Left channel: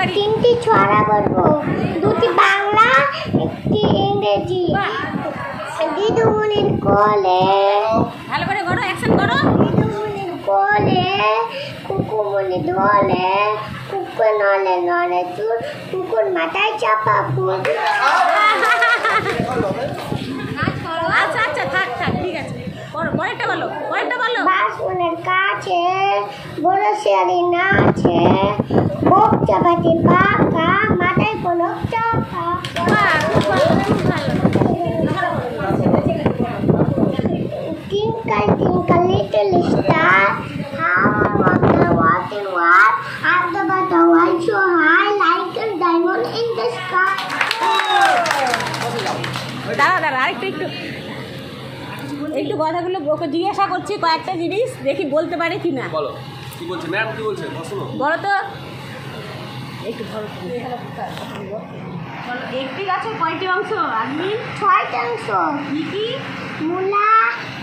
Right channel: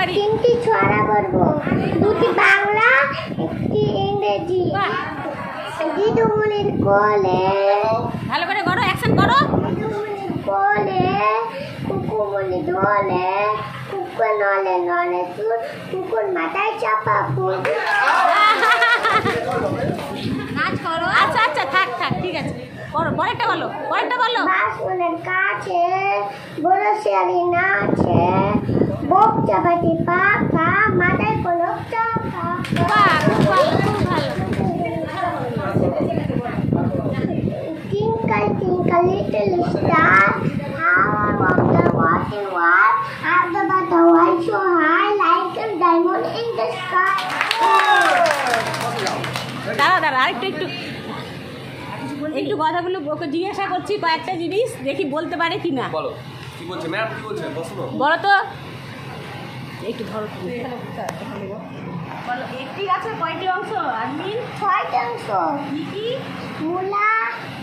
পারি। 3টি ছড়া বলবো, 2টি বাংলা, 1টি ইংরেজি। দিদুমনির কোলে, ভালো করে করো, অ্যাকশন করো। দিদুমনির কোলে কুকুমনি দোলে, কুকুর নলে নলে চুল, কুকুর মাথায় চাপা ফুল। নাচ করো। আচ্ছা আচ্ছা, থাক থাক, ঠিক আছে, করো। পরেরটা বলো, পরেরটা বলো। বাসনের কাছে বড় শিয়ালি নাচে, বোক চাপাতি পাখা, মাথায় পলক চাপা। বাহ, খুব ভালো, খুব ভালো। Twinkle, twinkle, little star, how I wonder what and what, how the butterfly so high like a diamond in the sky. দাঁড়া দাঁড়া, আরেকটু একটু একটু কথাগুলো ওকে জিজ্ঞাসা করছি কয়েকটা জিনিস, দেখি বলতে পারে কি না। বলো কি বলছে ম্যাম, কি বলছে শোনো। বলো তো, একটু ধরো তুমি। বলো, একটি গাছের কয়টি অংশ? আর্মিন 6টি অংশ। কি কি? মূলা,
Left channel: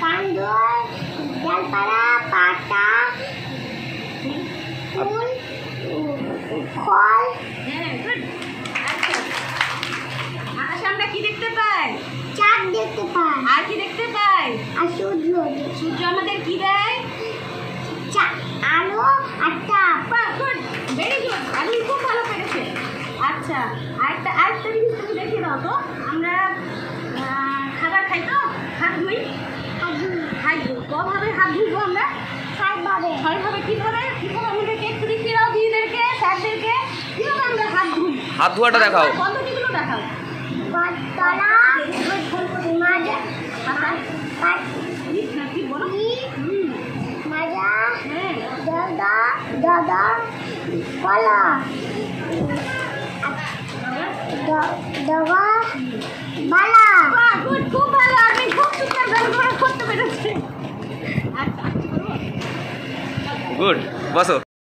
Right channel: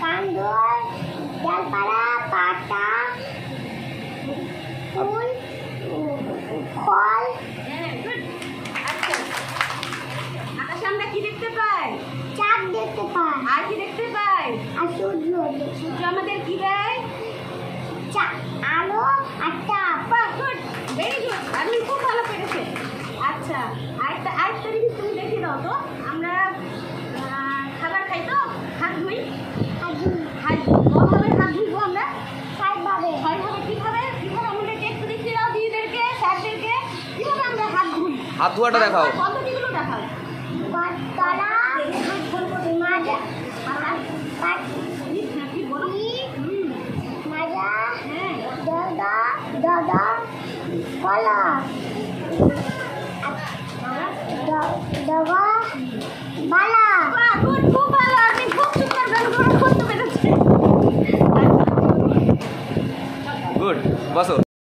কাণ্ড, ডালপালা, পাতা, ফুল, ফল। হ্যাঁ, গুড। আচ্ছা, আকাশে আমরা কি দেখতে পাই? চাঁদ দেখতে পাই, আর কি দেখতে পাই? আর সূর্য। সূর্য আমাদের কি দেয়? আলো আর তাপ। গুড, ভেরি গুড, আপনি খুব ভালো পেরেছে। আচ্ছা, আরেকটা জিনিস তুমি দেখে দাও তো। আমরা খাবার খাই তো, হাত ধুই। খাই, কভাবে হাত ধুইবো আমরা? 6ভাবে। 6ভাবে। কীভাবে কীভাবে আমাদেরকে একটু দেখিয়ে দাও, দিদিদেরকে, স্যারদেরকে, কীভাবে আমরা হাত ধুই? হাত ধোয়াটা দেখাও। পদ্ধতিগুলো দেখাও। পাতলা, মাজা, কি বলো? মাজা, হ্যাঁ, দাদা, দাদা, কলা, দাদা, বালা। বাহ, গুড, খুব ভালো, আপনি খুব সুন্দর ব্যবহার করতে পেরেছেন। গুড, বসো।